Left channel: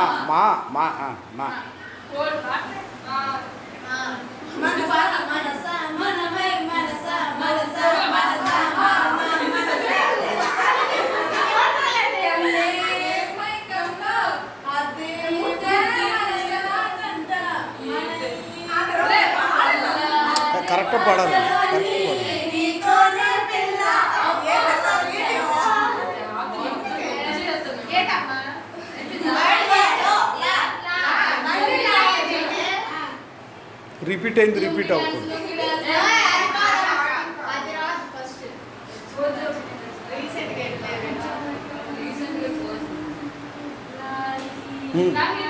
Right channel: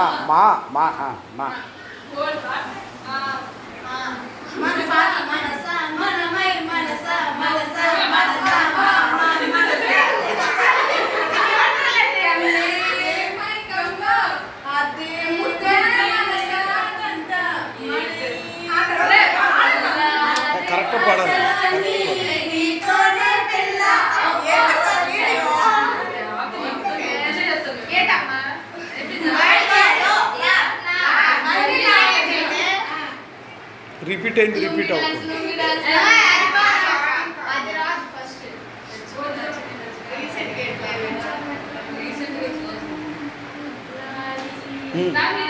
மா மா மா ஆ மா. கரெக்டாக பாடணும் கரெக்டாக பாடணும் repeat and repeat out. Hmm.